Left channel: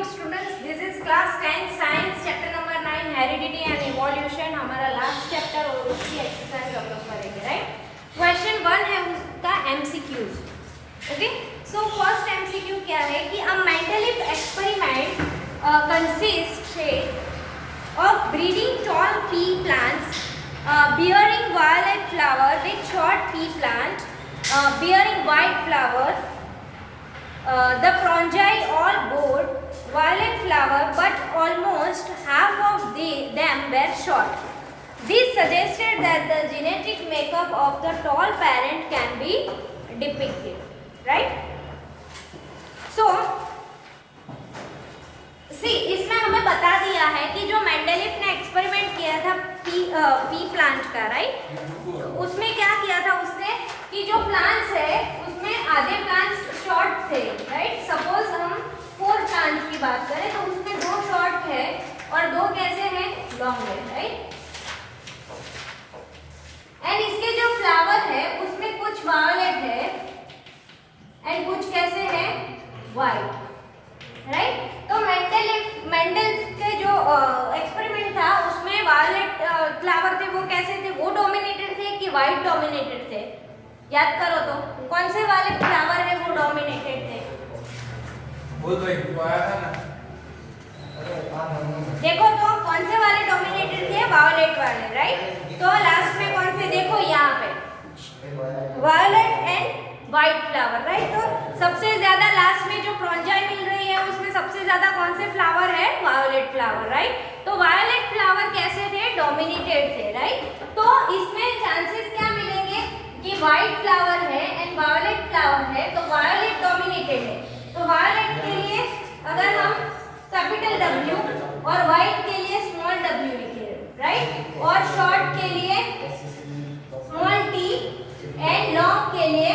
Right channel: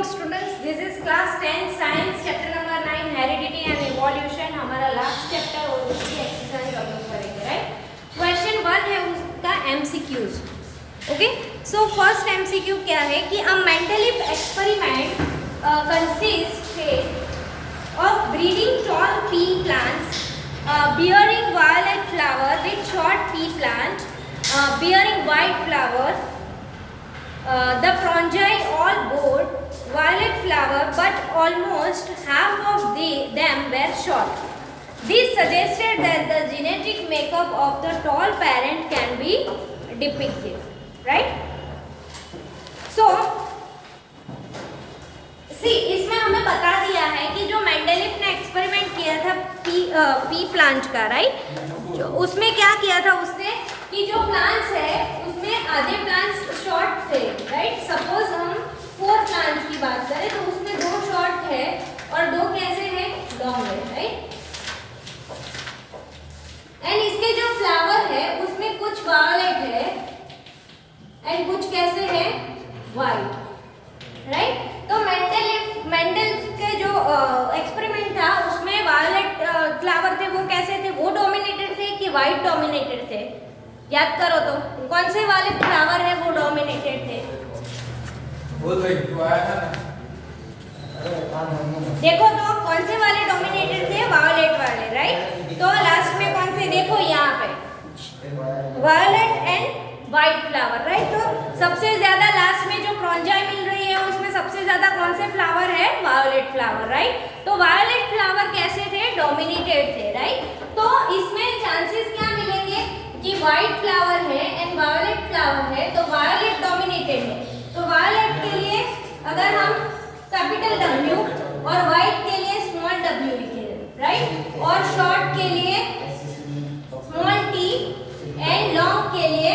Morning students, this is class 10 science chapter number 9 heredity and evolution. हमारा last chapter और उसकी exercise हम लोग करेंगे, राइट। क्वेश्चन 1 है उसका MCQs. Okay, so first MCQ क्या है कि a Mendeleev experiment consist of breeding tall pea plants bearing violet flower with short pea plant bearing white flower. The fungi all bore violet flower, but almost half of them were short. This suggested that the genetic makeup of the tall parent can be depicted, right? So, see, इसमें हमें बता दिया है कि जो Mendeleev ने experiment किया था पी प्लांट का, राइट, उसमें क्या किया था उसने कि जो प्लांट्स है उसमें आधे प्लांट्स शॉर्ट थे, राइट। सपोज हम 4 प्लांट्स की बात करें तो उसमें 2 शॉर्ट है और 2 कैसे हैं, लॉन्ग है, राइट। एंड इसके जो फ्लावर है उसमें कुछ वायलेट है एंड कुछ कैसे है, वाइट, राइट। तो मेंडल के जो एक्सपेरिमेंट था उसमें वायलेट फ्लावर थे, वो कैसे थे, वो डोमिनेटेड थे कि वाइट डोमिनेटेड थे, याद करो तो कौन से वाले फ्लावर है वो डोमिनेटेड थे, वो तो एक आया था ना, देखो तो कौन से वाले डोमिनेटेड थे, वायलेट वाले, राइट। तो लास्ट में कौन से, देखो यहाँ पे violet and white flower, right. तो सबसे ज्यादा लास्ट में जो फ्रॉन्जाई मिल रही है उसमें सबसे ज्यादा कौन से फ्लावर है, वायलेट फ्लावर, राइट। तो वायलेट फ्लावर कैसे थे, डोमिनेटेड थे, राइट। तो इसमें चांसेस क्या मिलेंगे कि वाइट फ्लावर है एंड वायलेट फ्लावर है, तो वायलेट डोमिनेटेड है। तो वायलेट के लिए अगर हम कैपिटल W और वाइट के लिए स्मॉल w लिखे, राइट, और शॉर्ट के लिए स्मॉल t एंड लॉन्ग के लिए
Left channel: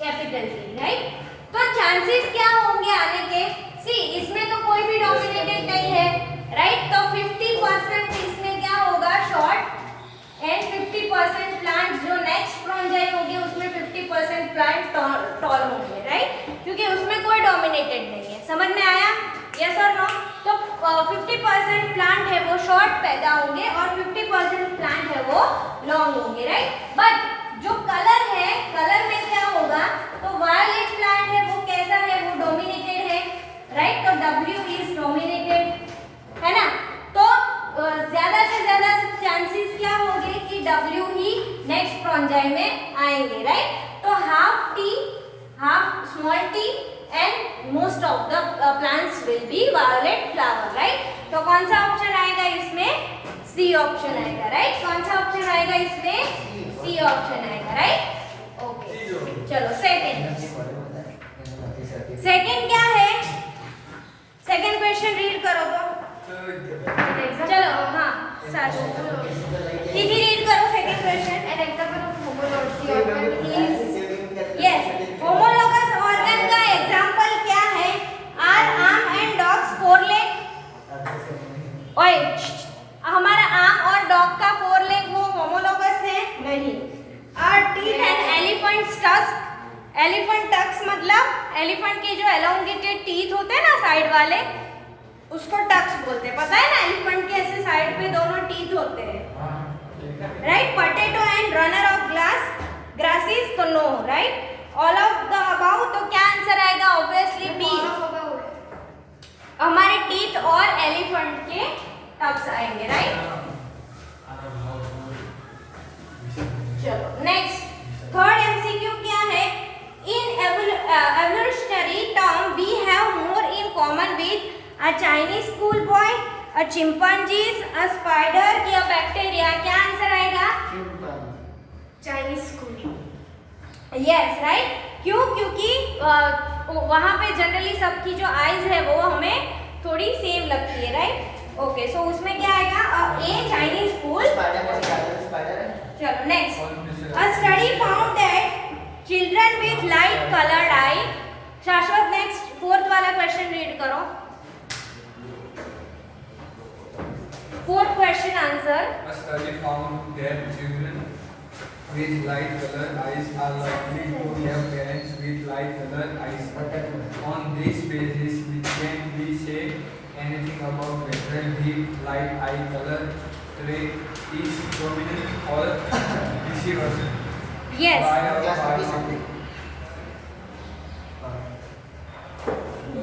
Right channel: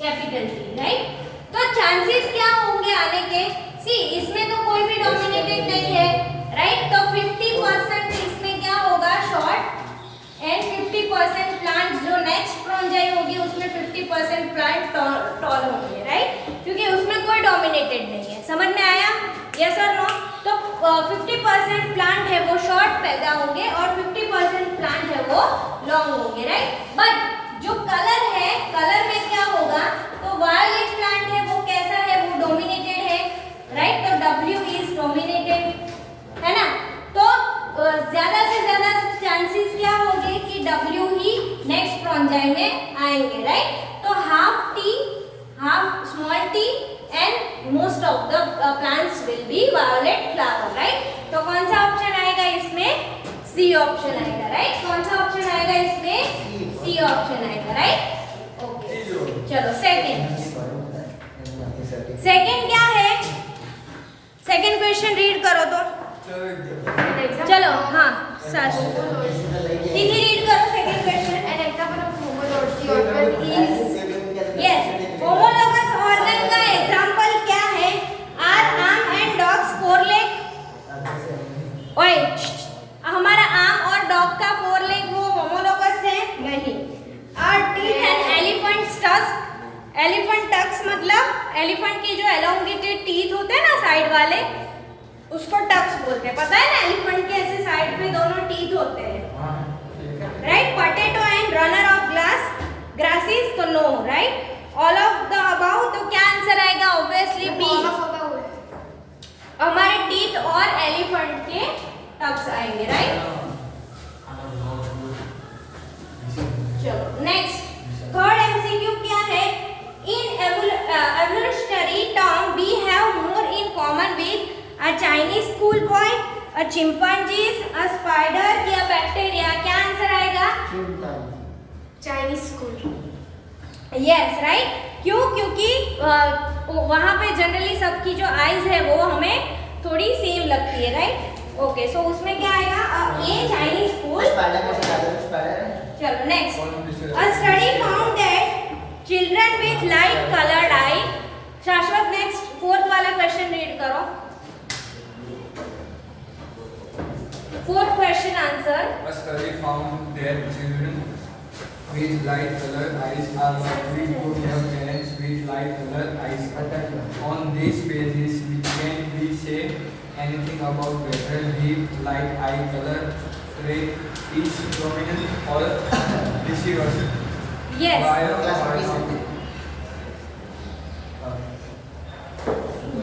कैपिटल T, राइट। तो चांसेस क्या होंगे आने के, सी इसमें तो कोई भी डोमिनेटेड नहीं है, राइट। तो 50% इसमें क्या होगा, शॉर्ट एंड 50% प्लांट जो नेक्स्ट फ्रॉन्जाई होगी उसमें 50% प्लांट टॉल होंगे, राइट, क्योंकि उसमें कोई डोमिनेटेड नहीं है। समझ में आया, यस और नो। तो 50% प्लांट है वो शॉर्ट पैदा होंगे और 50% प्लांट है वो लॉन्ग होंगे, राइट। बट जो कलर है, कलर में क्या होगा, तो वायलेट प्लांट है वो कैसा है, वो डोमिनेटेड है, राइट। तो W इज डोमिनेटेड, है ना। तो ज्यादा से ज्यादा चांसेस क्या होंगे कि W ही नेक्स्ट फ्रॉन्जाई में आएंगे, राइट। तो half T, half small t and most of the plants will be violet flower, right. तो कौन सा ऑप्शन आएगा इसमें, सी ऑप्शन आएगा, राइट। कौन सा ऑप्शन आएगा इसमें, सी ऑप्शन आएगा, राइट। ओके, चलो सेकंड क्या है, सेकंड क्वेश्चन रीड करो तो, चलो हाँ सर दीदी रीड करो second question. An example of homologous organ is yes, homologous organ का एग्जांपल क्या है, our arm and dog's 4 leg. ओए, हमारा आर्म और डॉग का 4 लेग वो होमोलॉगस है, नहीं। Our teeth and elephant's tusk, elephant tusks मतलब एलिफेंट के जो एलोंगेटेड टीथ होते हैं ना साइड वाले, उसको टक्स बोलते हैं, पता है ना। एलिफेंट के ऐसे साइड पे दोनों टीथ होते हैं, right. Potato and runner of grasses, तो no, right. All of the above, तो क्या आंसर आएगा, ऑब्वियसली बी, हमारे टीथ और एलिफेंट के टक्स आएंगे, राइट। चलो नेक्स्ट थर्ड एमसीक्यू क्या है, in evolutionary term we have more in common with a Chinese school boy, a chimpanzees, a spider या बैक्टीरिया, क्या आंसर आएगा, Chinese school. Yes, right. क्यों, क्योंकि वहाँ पे जनरली सबकी जो आईज है वो हमें थोड़ी सेम लगती है, राइट। ओके, सो उसमें क्या आएगा, ए चाइनीज स्कूल। चलो next, a study found that children with light coloured eye, Shashwat next 4th वाला क्वेश्चन रीड करो, 4th question answer. a study found that children with light colored eyes are likely to have parents with light colored eyes. On this basis, we can be anything about whether his light eye color trait is dominant or recessive? Yes. Why or why not?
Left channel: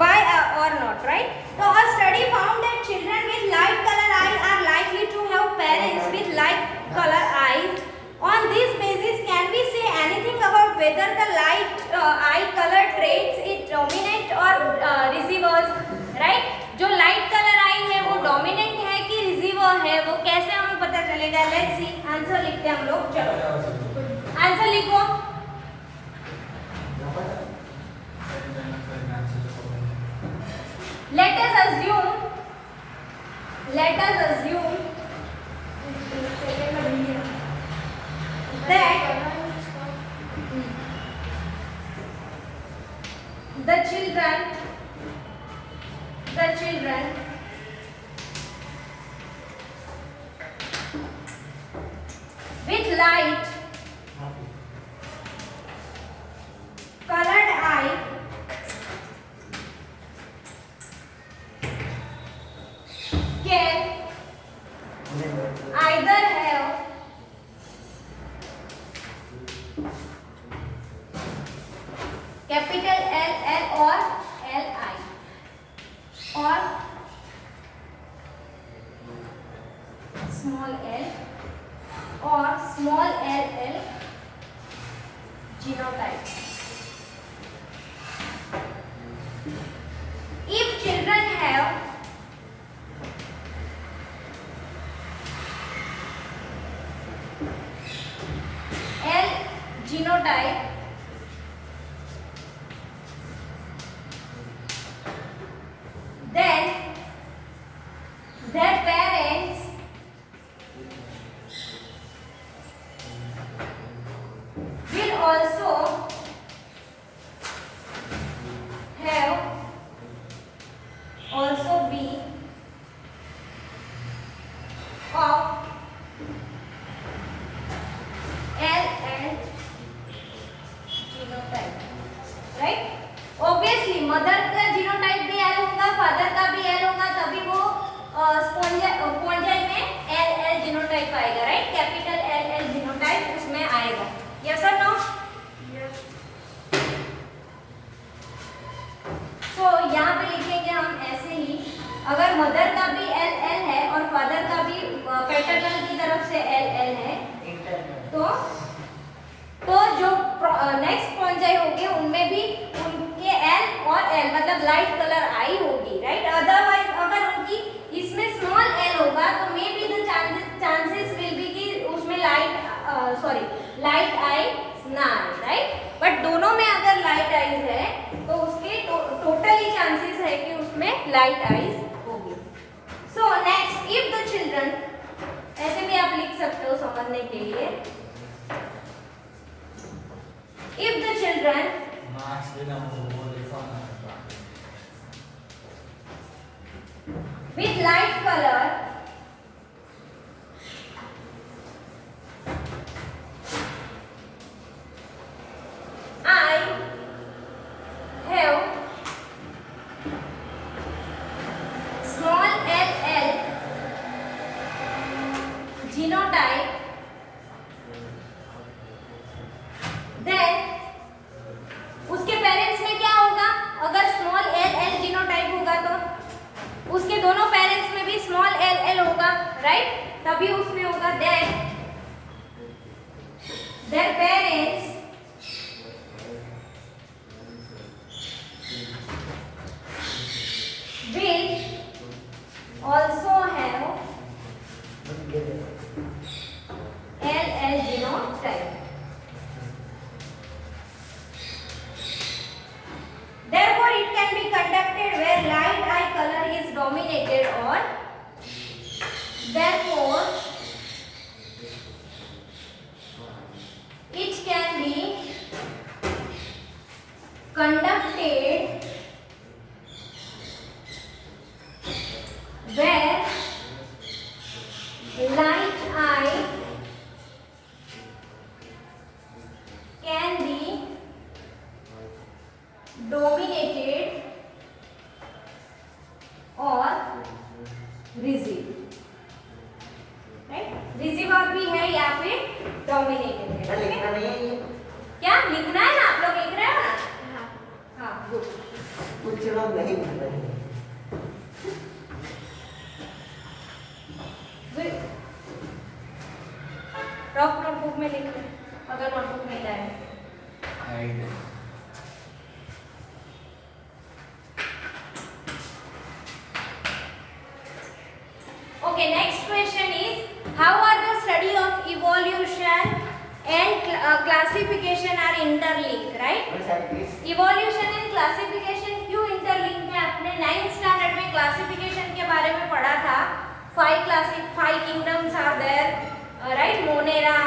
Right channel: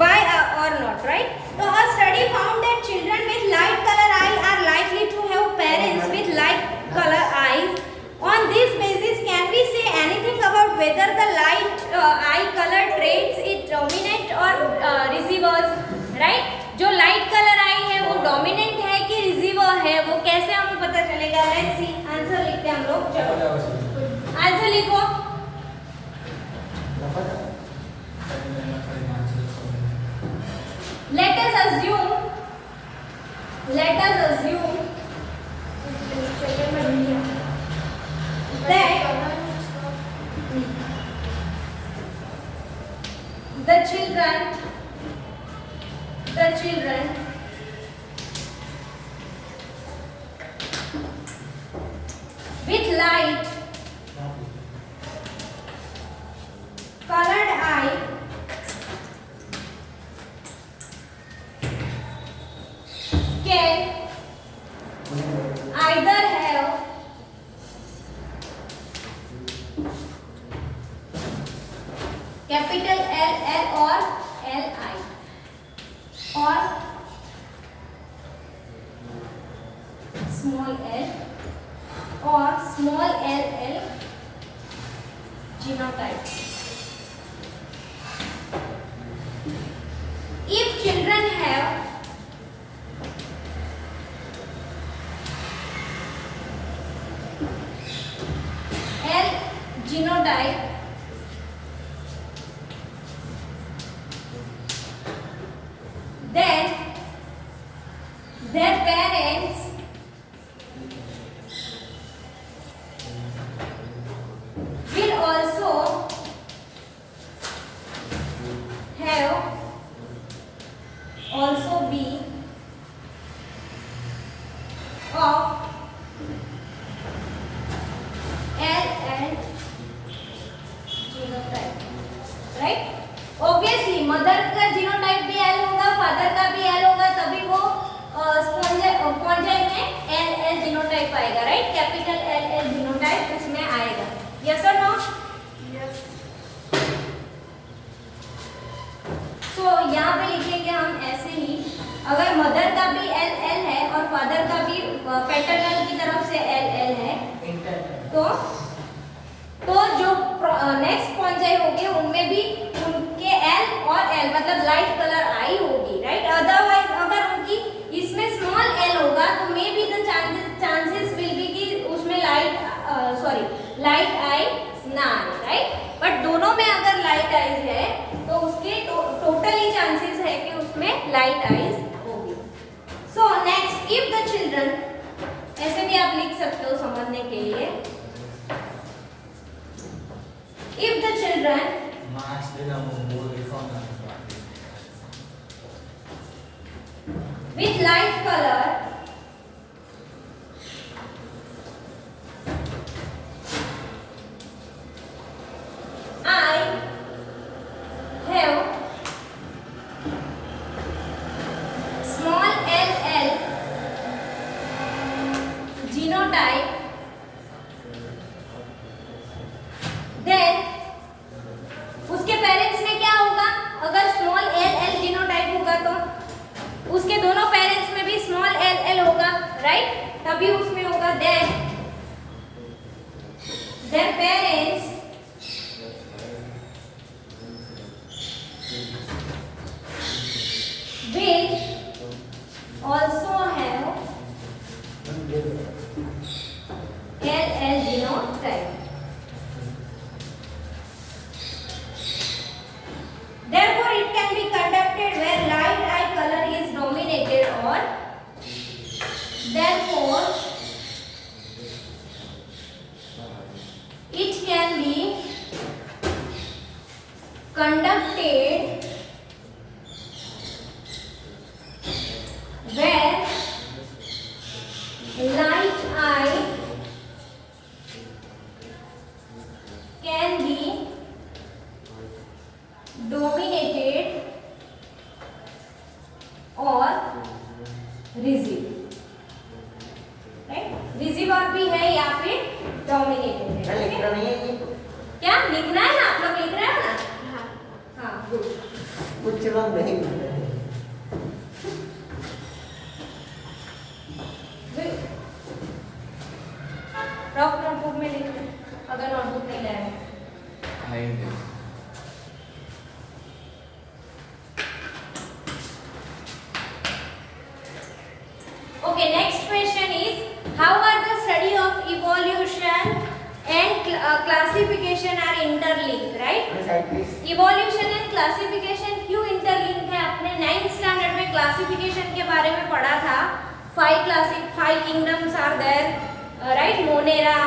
Why or not, right? So a study found that children with light color eyes are likely to have parents with light color eyes. On this basis, can we say anything about whether the light eye color traits is dominant or receivers, right? जो light color eye है वो dominant है कि receiver है, वो कैसे हमें पता चलेगा? Let's see. आंसर लिखते हैं हम लोग. चलो आंसर लिखो. Let us assume that the children with light colored eye can either have capital L or Li or small l or small ll genotype. If children have L genotype, then their parents will also be of L and genotype, right? Obviously mother का genotype भी L होगा, father का भी L होगा, तभी वो स्पॉन्जाई में L genotype आएगा, राइट? कैपिटल L जीनोटाइप उसमें आएगा. यस और नो? Yes. सो यहाँ पे लिखेंगे हम ऐसे ही, अगर मदर का भी L है और फादर का भी पैटर्नल की तरफ से L है, तो जो नेक्स्ट स्पॉन्जाई होंगे उनमें भी उनके L और L मतलब लाइट कलर आई होगी, राइट? अदरवाइज अगर उनकी इसमें स्मॉल L होगा तो may be the chances will be कि उसमें लाइट आई ना आए, राइट? बट दोनों में अगर लाइट आईज है तो उसके टोटली चांसेस है कि उसमें लाइट आईज होगी. So next, if the children, ऐसे भी आप लिख सकते हो समझने के लिए, if the children with light color I have small ll genotype, then उसके पेरेंट्स में क्या होगा? अगर स्मॉल ll जीनोटाइप होगा तो उसके दोनों पेरेंट्स में भी स्मॉल ll होगा, राइट? तभी उसमें होगा their parents will also have ll genotype. Therefore, it can be conducted where light eye color is dominated, or therefore it can be conducted where light eye can be dominated or receive, right. Receive verb भी है या फिर dominated है, लिखना ठीक है? नहीं है ये? क्या लिखना है ना, आप लोग लिख रहे हो ना? हाँ. हाँ, गुड। कुछ लोग नहीं लिख रहे हैं। रफ नोटबुक में लिख लो अगर नोटबुक नहीं लाए। hide, Okay, next question is how are the study of evolution and classification are interlinked, right? Side please. Evolution and classification क्यों इंटरलिंक है? आपने 9th स्टैंडर्ड में क्लासिफिकेशन के बारे में पढ़ा था। 5 kingdoms are there, right? Monera,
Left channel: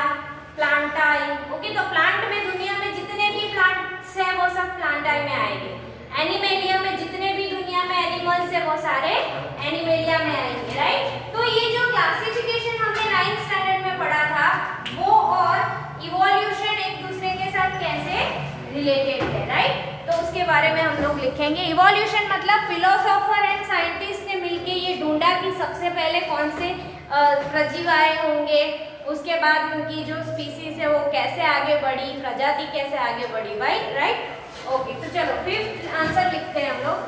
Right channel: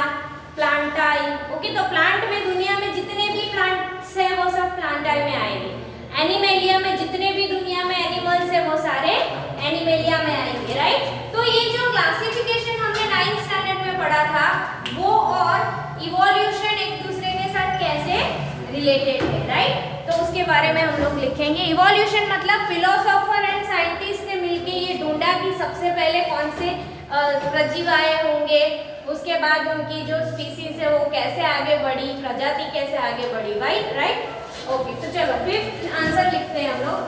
Plantae. Okay, तो प्लांट में दुनिया में जितने भी प्लांट्स हैं वो सब प्लांटाई में आएंगे। एनिमेलिया में जितने भी दुनिया में एनिमल्स हैं वो सारे एनिमेलिया में आएंगे, राइट? तो ये जो क्लासिफिकेशन हमने 9th स्टैंडर्ड में पढ़ा था वो और इवोल्यूशन एक दूसरे के साथ कैसे रिलेटेड है, राइट? तो उसके बारे में हम लोग लिखेंगे। इवोल्यूशन मतलब फिलोसोफर एंड साइंटिस्ट ने मिलके ये ढूंढा कि सबसे पहले कौन से प्रजीव आए होंगे, उसके बाद उनकी जो स्पीसीज है वो कैसे आगे बढ़ी, प्रजाति कैसे आगे बढ़ी, राइट? ओके, तो चलो 5th आंसर लिखते हैं हम लोग।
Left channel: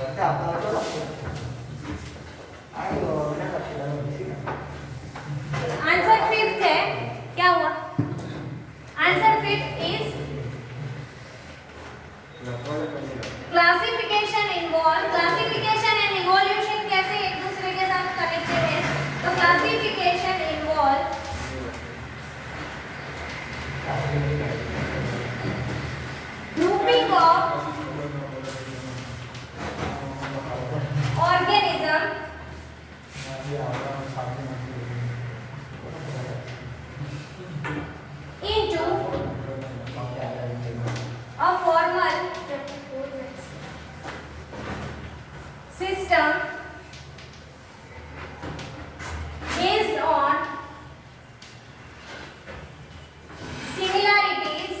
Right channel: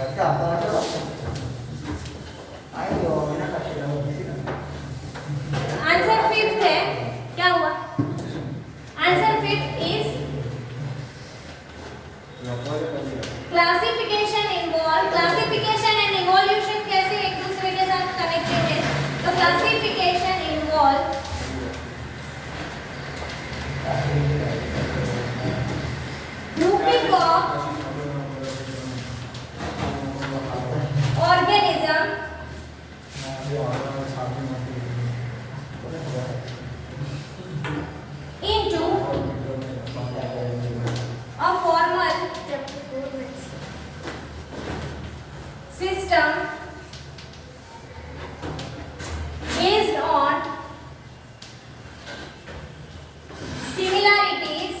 लगता है आपका तो आए और ना करते आंसर 5th है, क्या हुआ? Answer 5th is classification involve. Classification and evolution कैसे एक दूसरे के साथ कनेक्टेड है? तो classification involve grouping of organism into a formal system based on similarities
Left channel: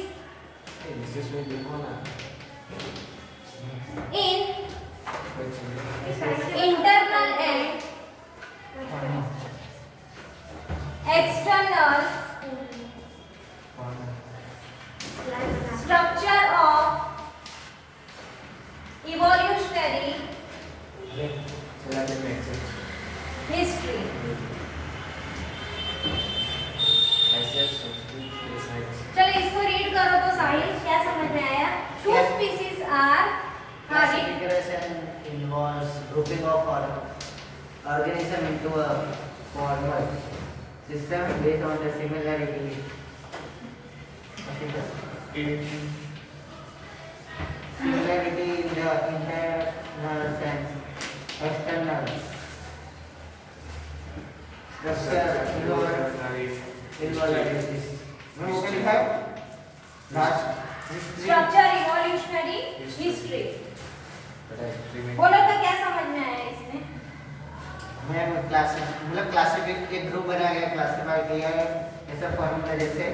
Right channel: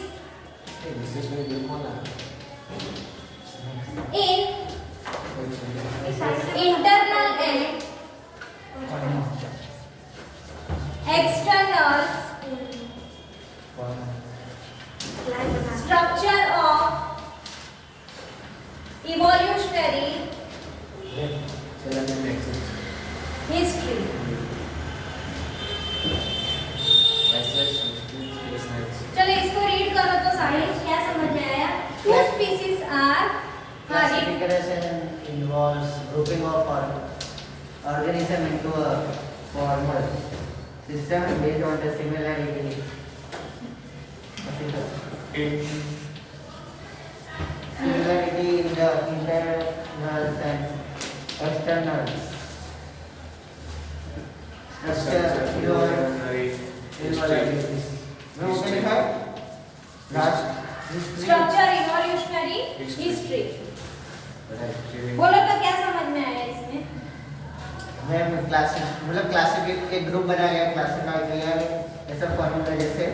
in internal and external structure of evolutionary history। चलो इसको रीड करो तो साहिल क्या समझ में आया? Two species are Classification involves grouping of organism into a formal system based on the similarity. Similarity in the internal and external structure structure evolutionary history. बोलो तो क्या समझ में आया इसमें? मैं क्लासिफिक एक ग्रुप बनाया गया, क्लासिफाई किया है ऐसा फॉर्मूला जैसे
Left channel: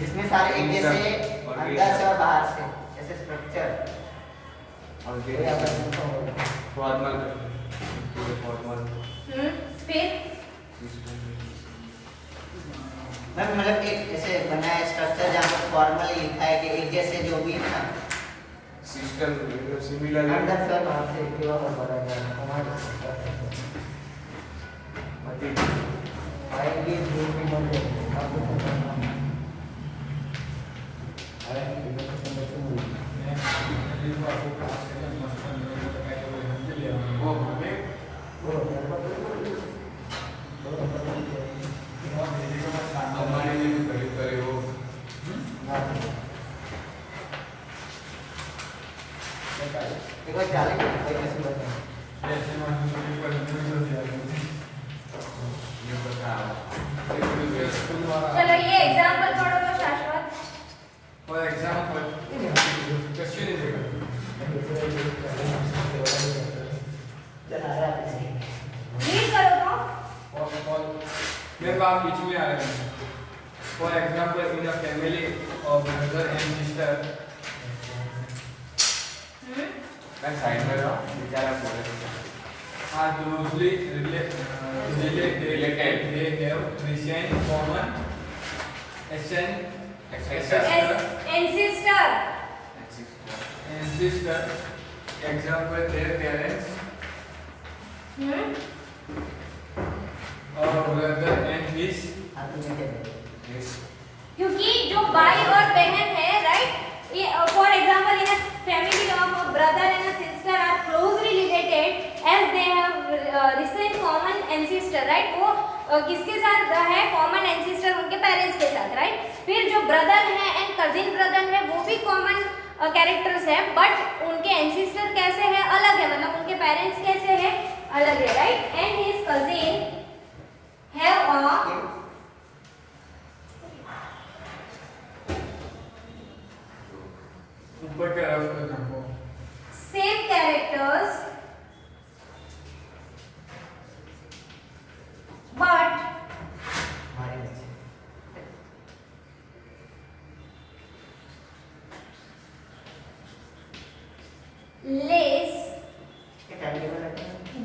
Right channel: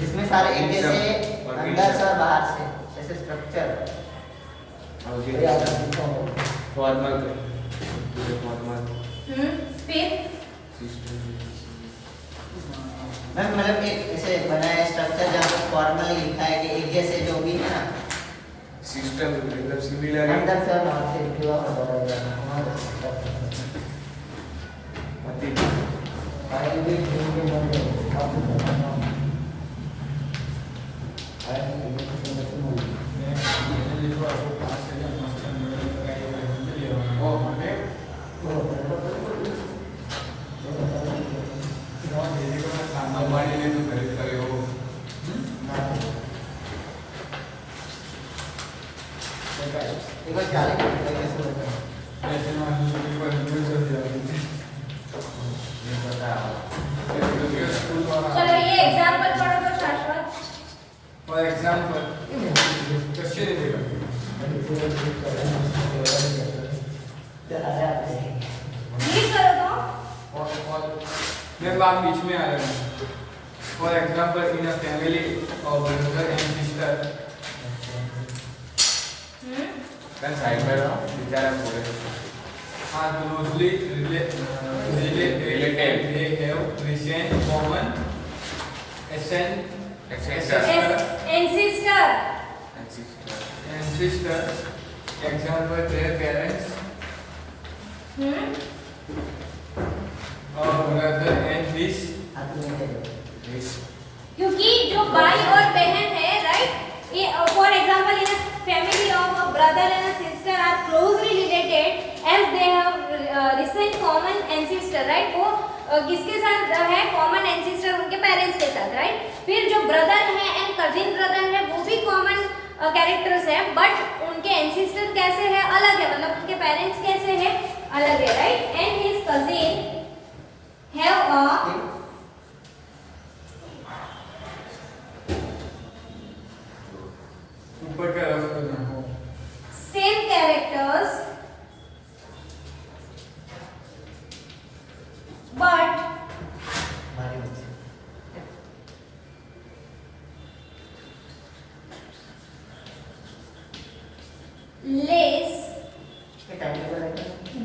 जिसमें सारे एक जैसे अंदर से और बाहर से ऐसे स्ट्रक्चर फिर मैं मतलब एक ऐसे बनाया स्ट्रक्चर जहाँ पर फॉर्मूला लिखा है कि एक जैसे जो भी है ना सिस्टम मतलब सिमिलर अंदर से और बाहर से क्या होगा आएंगे जो भी बंदे हमारे लिए खरीद करे हो एक बार डाले कैसे लगता है चलो ये मैं बात बीच में आ रहा हूँ। For example in a family of brother and sister. मैं साइड में रहा बेचारा पूरे are closely related. They have recent common ancestor. ancestor. Example their parents or brother and his. क्योंकि जो भाई और बहन है, right, for example in family of a brother and a sister are closely related as they have recent common ancestor, right. वो किसके साथ है? कॉमन एंसेस्टर, उनके पेरेंट्स के साथ, राइट। फिर जो ब्रदर है एंड कजिन ब्रदर है वो भी कॉमन कैरेक्टर्स है, बट उनके एंसेस्टर कैसे है? अलग है, मतलब उनके पेरेंट्स कैसे है? अलग है, right. And his cousin have a ऊपर के रखो same characters but less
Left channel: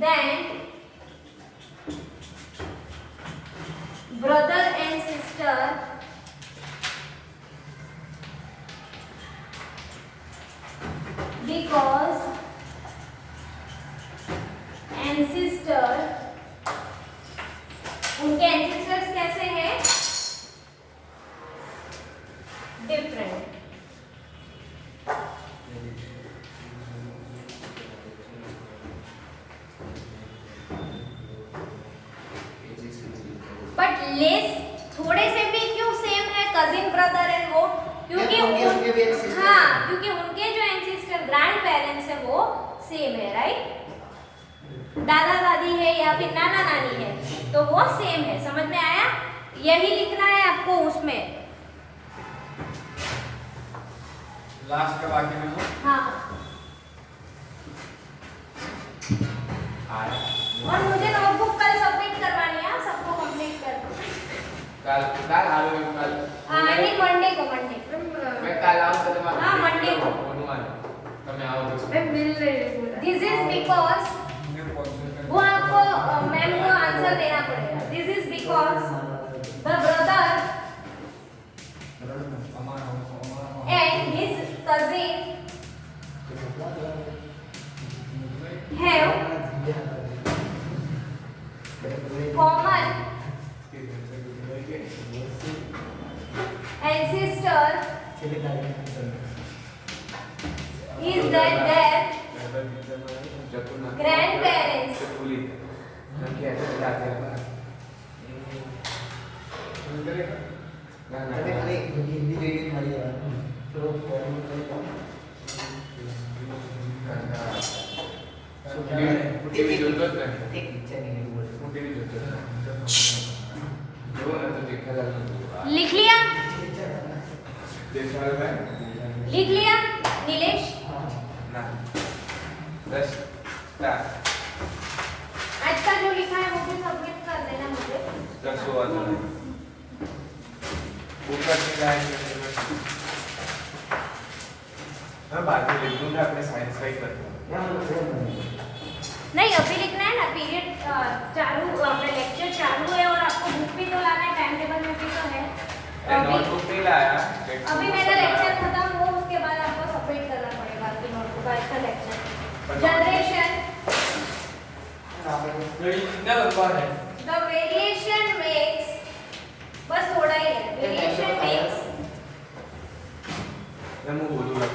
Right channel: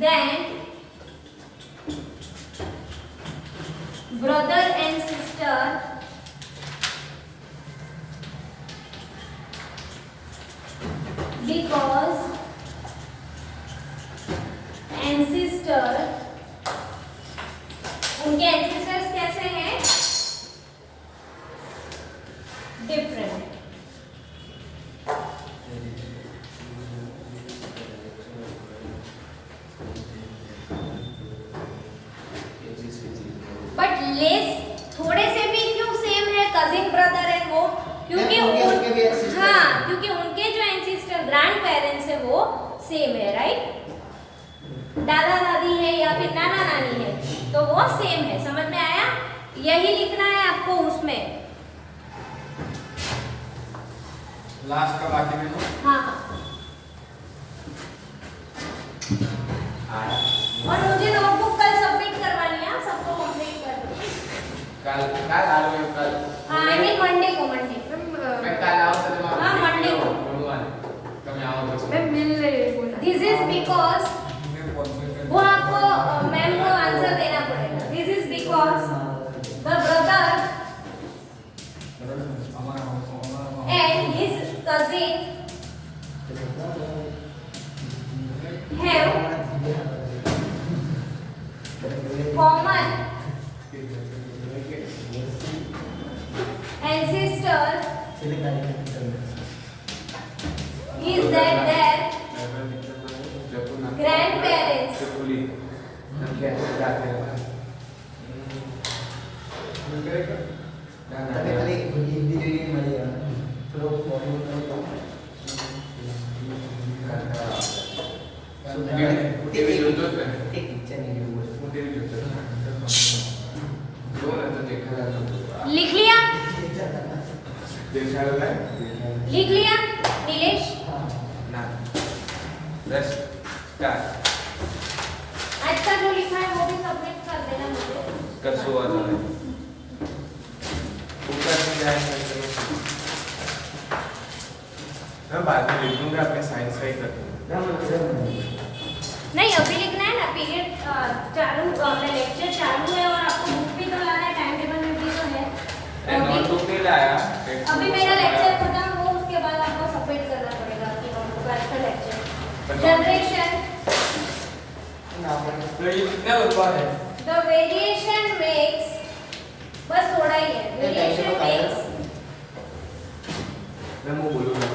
than brother and sister because ancestor, उनके ancestors कैसे हैं? Different. But less थोड़े से भी क्यों सेम है कजिन ब्रदर एंड वो? क्योंकि हाँ, क्योंकि उनके जो एंसेस्टर ग्रैंड पेरेंट्स है वो सेम है, राइट। दादा दादी है या फिर नाना नानी है तो वो सेम है। समझ में आया? यही लिखना है आपको उसमें। लास्ट का बाकी में हो। हाँ, और मुझे नोटबुक कल सबमिट करवानी है, सबको कंप्लीट कर दो। कल आ रहे हो कल? आई मीन मंडे को, मंडे। मैं कल आऊँ तो तुम्हारा हाँ, मंडे को। कब आओ तो मैं मिल रही बोला। दिस इज बिकॉज वो आपको मैम को आंसर देना पड़ेगा। This is because the brother and his cousin have common ancestor is that their grandparents लिख लिया? लिख लिया नीलेश? आज का जो लिखा है वो भी सबमिट कर देना मुझे। मैं बाद में लिख दूंगा, अपने साइंस का ही कर दूंगा। नहीं, अभी लिखना है ना। पीरियड चालू, अपना लेक्चर चालू है और आपको बुक भी तो लाना है, टाइम टेबल में भी तो है। नोटबुक नहीं लाया। अभी मेरा लेक्चर खत्म हो उसके बाद आपको सबमिट करना पड़ेगा आपके नोटबुक का इसका लेक्चर। जनरेशन कितना लंबा है? द वेरिएशन मेक्स, बस थोड़ा ही है। वेरिएशन मेक्स मैं वो बोलूंगा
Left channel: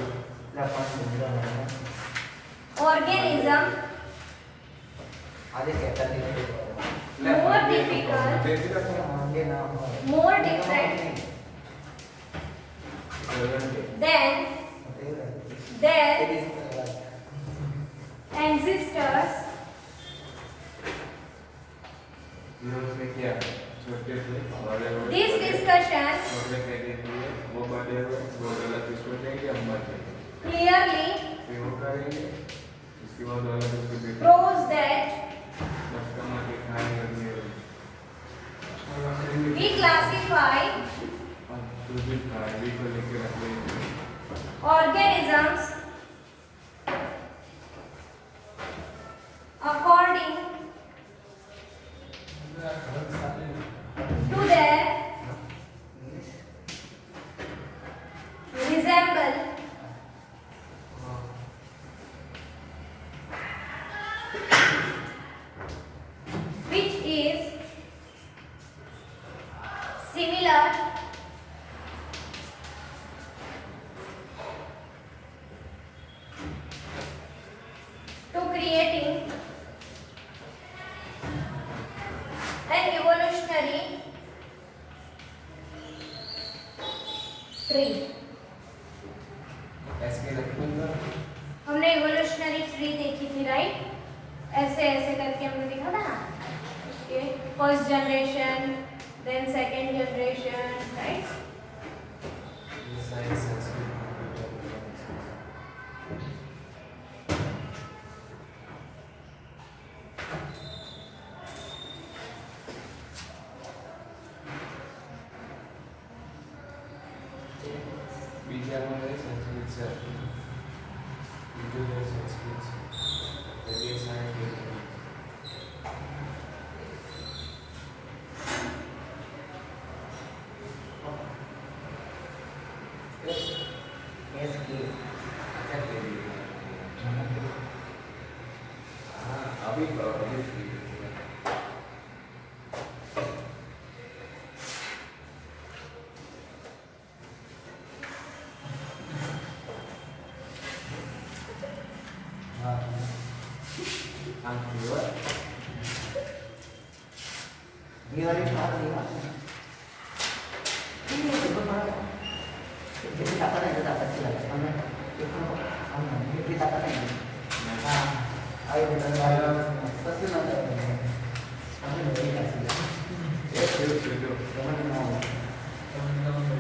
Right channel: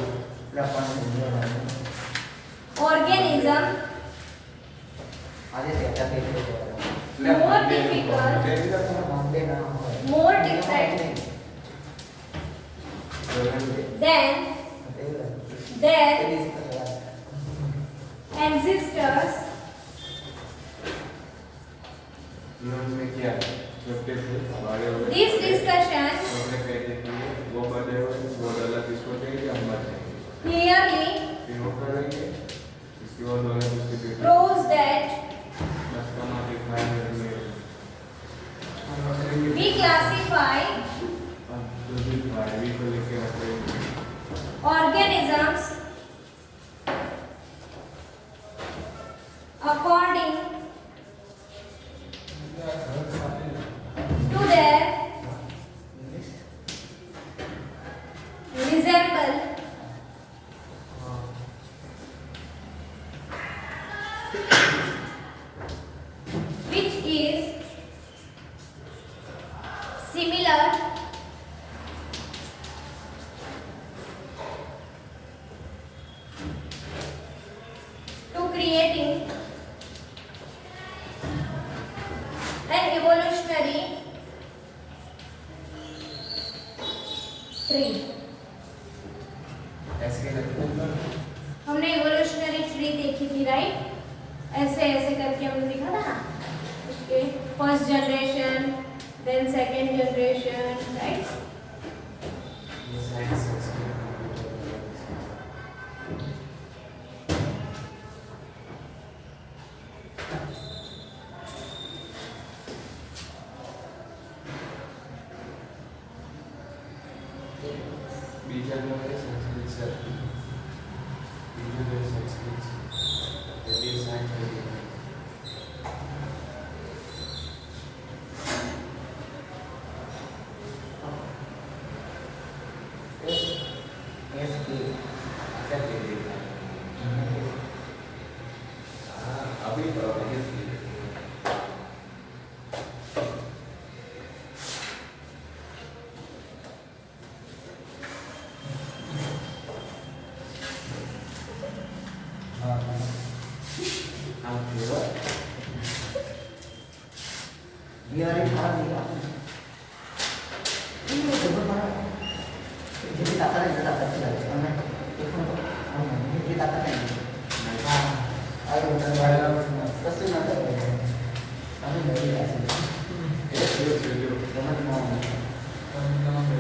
organism more difficult, more different than their ancestors इन्होंने किया छोटे से हमारे this discussion छोटे पेड़े के वो कर रहे हो, वो डॉलर इसको देंगे, हम लोग clearly फिर वो करेंगे, इसके बाद डॉलर इसको देंगे, proves that बस कमा के खाएंगे। classify भाड़ी को लेके रखो organisms according to their resemble which is similar to creating an evolutionary tree. ऐसे रखो हमने इवोल्यूशनरी ट्री देखी थी, राइट? ऐसे ऐसे करके हमने देखा था ना, उसके first generation, then second generation, right? ये वाले खा लिया जितनी ताकत है ताकत चला हमने देखो ये ताकत है हां आइए बस ना हमें नहीं ऐसे ये समझ में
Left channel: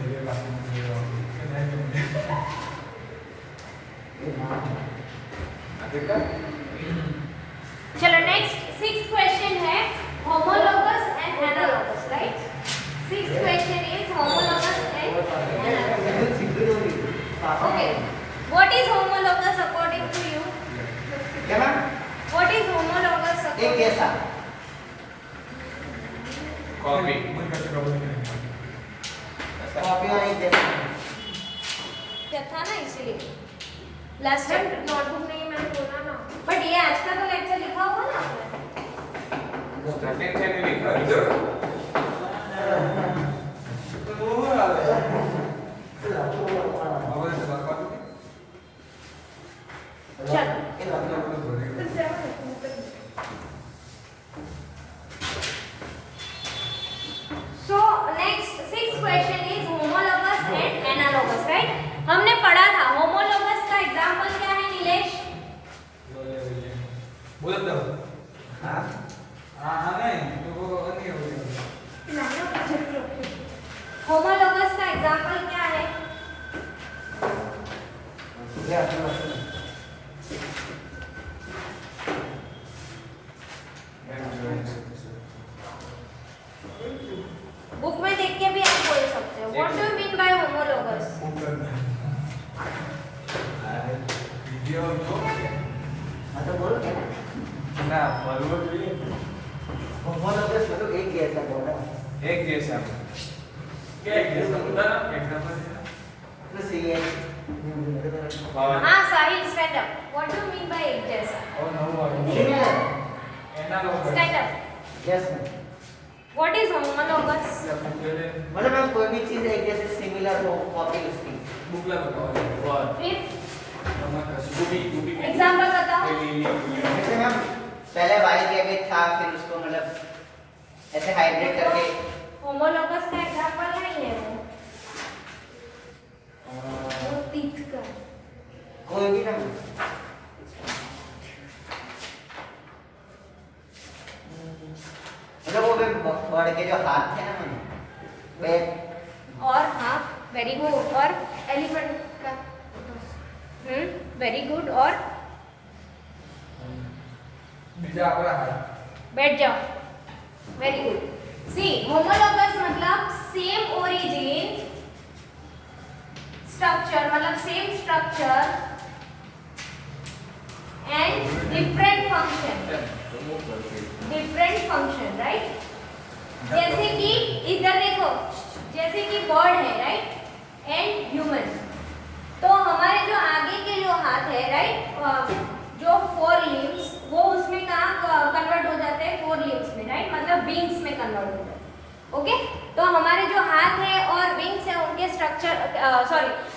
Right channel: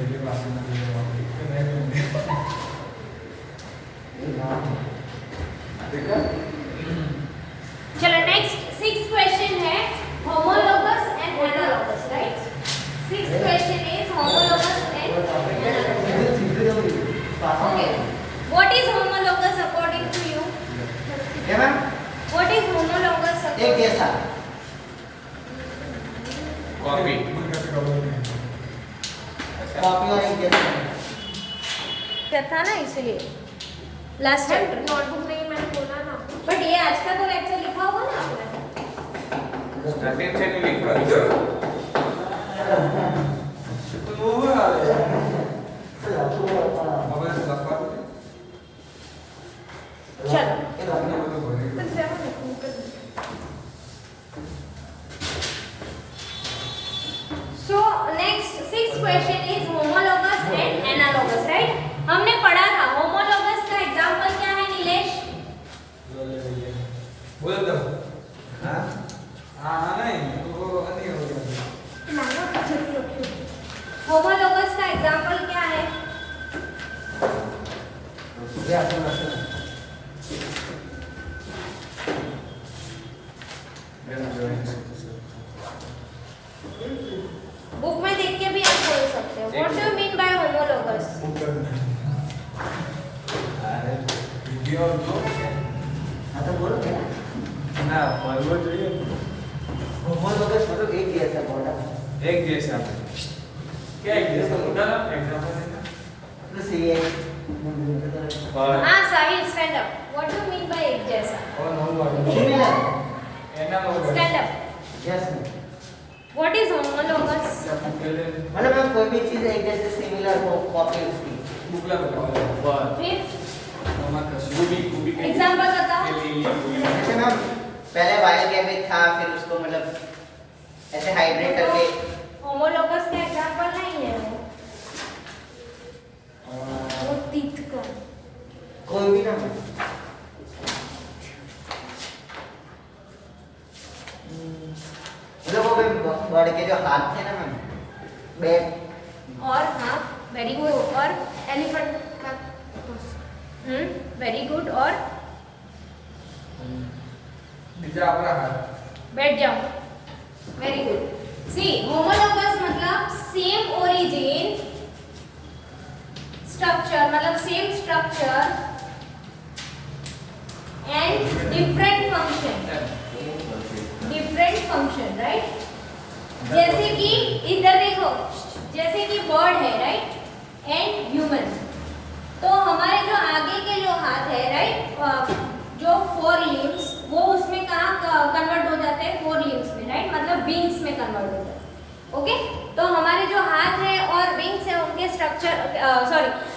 मेरे पास देखा चलो नेक्स्ट 6th क्वेश्चन है homologous and analogous, right? 6th question is homologous and analogous. Okay, what is homologous according to you? क्या मैम What is homologous एक according? जैसा कॉपी कॉपी और एक जैसा था ना, इसलिए लास्ट टाइम। नोटबुक नहीं, मैंने बोला ना। बट ये आज का तो लेक्चर लिखा होगा ना आपने? स्टार्टिंग से नहीं लिखा इधर So next 6th question is homologous and analogous, right? हमने पढ़ा था homologous का एग्जांपल क्या है नीलेश? बोल दो हाँ हाँ नहीं तो वो नहीं होगा homologous का एग्जांपल क्या है? बुक में देख के भी आप बोल सकते हो। What do you mean by homologous? Video तो मतलब बोल क्या ना परवो चाहिए होमोलोगस मतलब एक जैसा बोला एक जैसा क्या एक जैसा होता ना एग्जांपल प्लस ये हाँ साहिल stand up. What do you mean by एक जैसा? और no word similar analogous Stand up. Yes What is homologous? मतलब मैं कोई भी चीज एक जैसे सिमिलर हो कॉपी उसकी बुक ला बताओ फिर हमारा शूबी एग्जांपल बताओ। जैसे मैम पहले वाइल्ड कैबेज था फिर उसको मतलब ऐसे हाइब्रिड करके homologous का एग्जांपल नहीं है वो तीत का। कोई भी ना मतलब वो वर्ड के जो हाथ थे ना मैम बैक और हाँ वेरी गुड और एलिफेंट का वेरी गुड और नीचे आपका हाथ बैठ जाओ वेरी गुड सी होमोलोगस मतलब स्ट्रक्चर मतलब same structure and different function right. जैसे कि इधर देखो, जैसे कि बर्ड है राइट एंड ह्यूमन, तो हमारे जो आगे के जो हाथ है राइट, जो 4 लिम्स वो उसमें कहाँ कन्वर्ट हो जाते हैं, 4 लिम्स में राइट, मतलब विंग्स में कन्वर्ट हो जाते हैं। ओके, तो हमारे जो हाथ है और विंग्स है उनके स्ट्रक्चर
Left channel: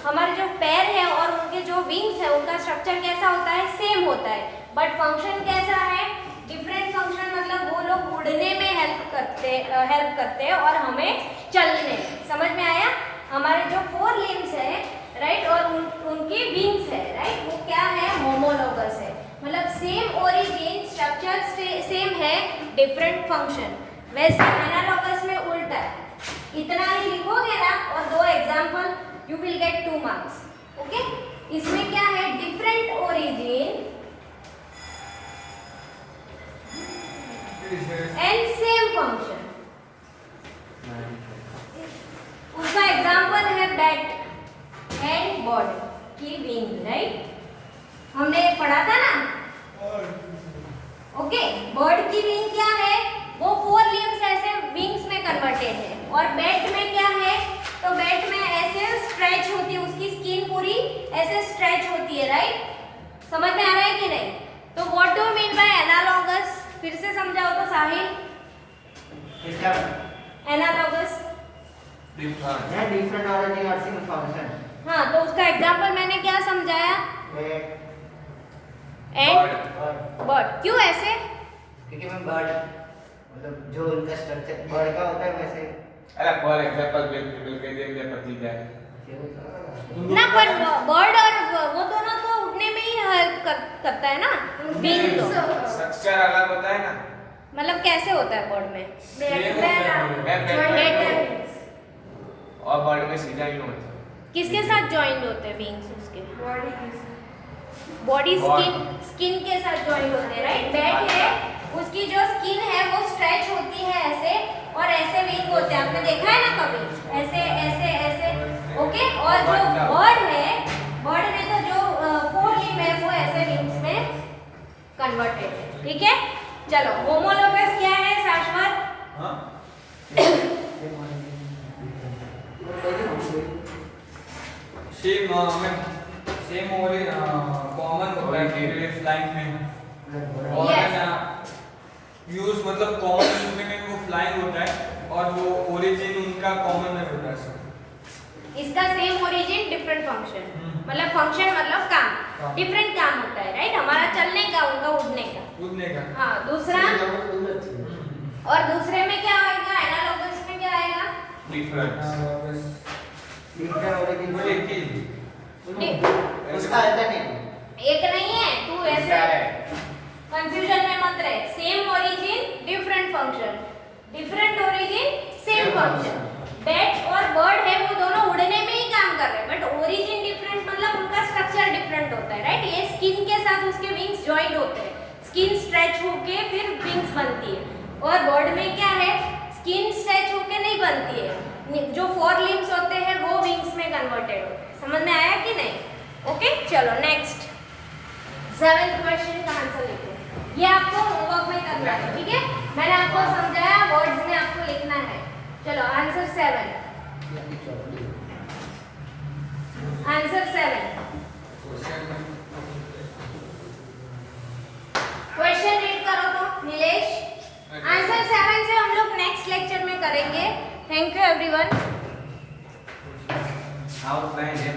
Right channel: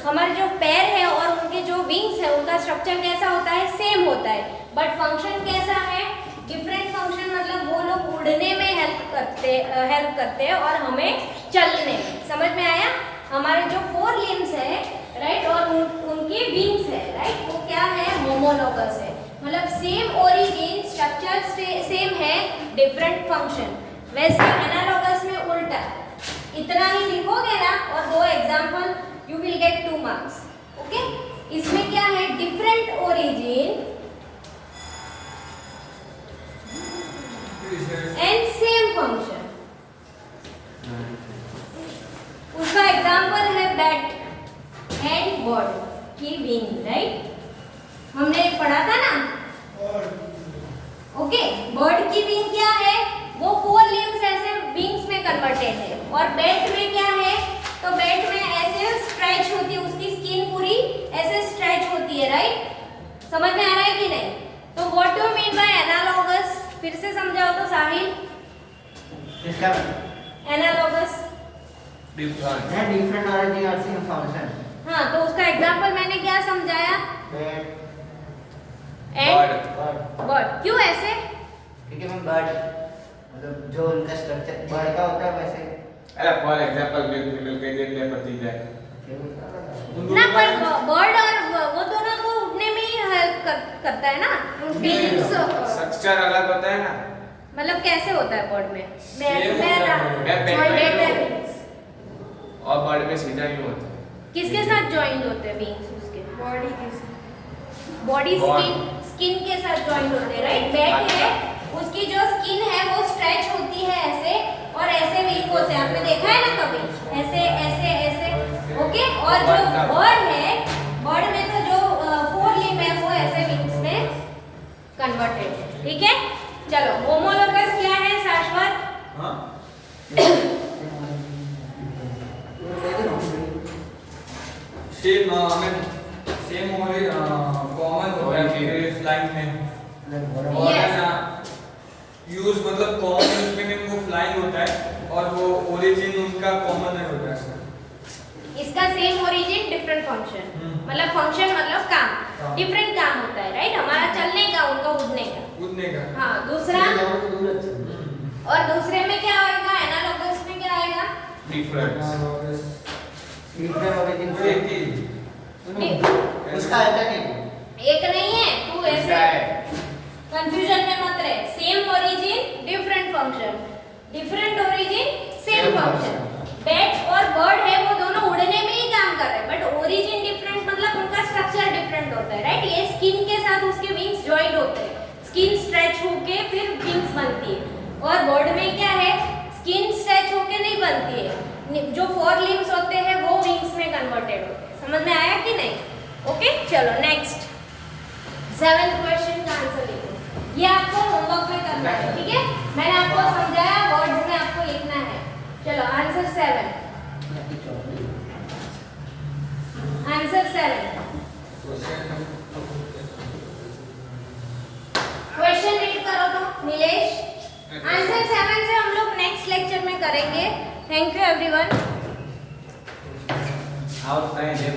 हमारे जो पैर है और उनके जो विंग्स है उनका स्ट्रक्चर कैसा होता है, सेम होता है, बट फंक्शन कैसा है, डिफरेंट फंक्शन। मतलब वो लोग उड़ने में हेल्प करते हैं और हमें चलने में। समझ में आया? हमारे जो 4 लिम्स है राइट और उनकी विंग्स है राइट, वो क्या है, होमोलोगस है, मतलब सेम ओरिजिन, स्ट्रक्चर सेम है, डिफरेंट फंक्शन। वैसे एनालॉगस में उल्टा, इतना ही लिखोगे ना और 2 example you will get 2 marks. Okay, इसमें क्या है, different origin and same function. उसका एग्जाम्पल है बैट एंड बर्ड की विंग राइट, हमने पढ़ा था ना। ओके, बर्ड की विंग क्या है, वो 4 लिम्स ऐसे विंग्स में कन्वर्टेड है, और बैट में क्या है, तो बैट में ऐसे स्ट्रेच होती है, उसकी स्किन पूरी ऐसे स्ट्रेच होती है राइट। समझ में आ रहा है कि नहीं? तो what do mean by analogous, फिर से समझाओ तो साहिल। इसका एनालॉगस डिफरेंट ओरिजिन और सेम फंक्शन। हाँ, तो उसका एग्जांपल मैंने क्या समझाया, एंड बर्ड। क्यों ऐसे? क्योंकि मैं बर्ड मतलब जो उनका स्ट्रक्चर बर्ड का होता है वैसे। अरे फॉर एग्जांपल फीमेल कह दे पति जाए ना, पर बर्ड और वो दोनों तो उड़ने में ही हेल्प करता है ना, विंग्स। स्ट्रक्चर अलग होता है ना, मतलब कैसे होता है बर्ड में, और बर्ड में सीधा क्यों होता है? किसके साथ जॉइंट होते हैं विंग्स, उसके बॉडी की बॉडी स्किन के साथ जॉइंट होते हैं राइट। बैक है, उसकी जो स्किन है वो स्ट्रेच होती है ऐसे, और ऐसे विंग होते हैं, आपने देखा है ना कभी, ऐसे ऐसे ऐसे। ओके, और जो बर्ड है, बर्ड में तो जो 4 लिम्ब है वो ऐसे विंग्स में कन्वर्टेड है। ठीक है, चलो होमोलोगस क्या है शाश्वत? हाँ, सेम और कॉमन होता है फ्लाइंग में, और है ना यूज मतलब कॉमन यूज में वो फ्लाइंग होता है, और वो ओरिजिन उनका कॉमन होता है। इसका सेम ओरिजिन डिफरेंट फंक्शन, मतलब फंक्शन मतलब काम, डिफरेंट काम होता है राइट, हमारा चलने का, उनका उड़ने का। हाँ, दूसरा, और दूसरे में क्या आएगा, एनालॉगस में क्या आएगा, डिफरेंस। उसका अलग नहीं, एक नहीं है, 2 ऐसे कंफ्यूजन में मत रहे। Same origin different function, different origin same function. Bat और बर्ड है वो दोनों उड़ने में ही काम कर रहे हैं, बट ओरिजिन डिफरेंट, मतलब उनका स्ट्रक्चर डिफरेंट होता है राइट। ये स्किन के साथ उसके विंग्स जॉइंट होते हैं, स्किन स्ट्रेच होके फिर विंग्स बनती है, और बर्ड में क्या है, स्किन स्ट्रेच होके नहीं बनती है, जो 4 लिम्स होते हैं वो विंग्स में कन्वर्टेड होते हैं। समझ में आया कि नहीं? ओके, चलो नेक्स्ट 7th क्वेश्चन का आंसर लिखो। ये आपको होमवर्क में करना है, ठीक है, मैंने आपको समझाया, वर्ड्स में आपको लिखना है। चलो आंसर 7, आंसर 7 क्वेश्चन रीड करो तो नीलेश। आंसर 7 से हम लोग नेक्स्ट लेक्चर में करेंगे। Thank you everyone. How can ये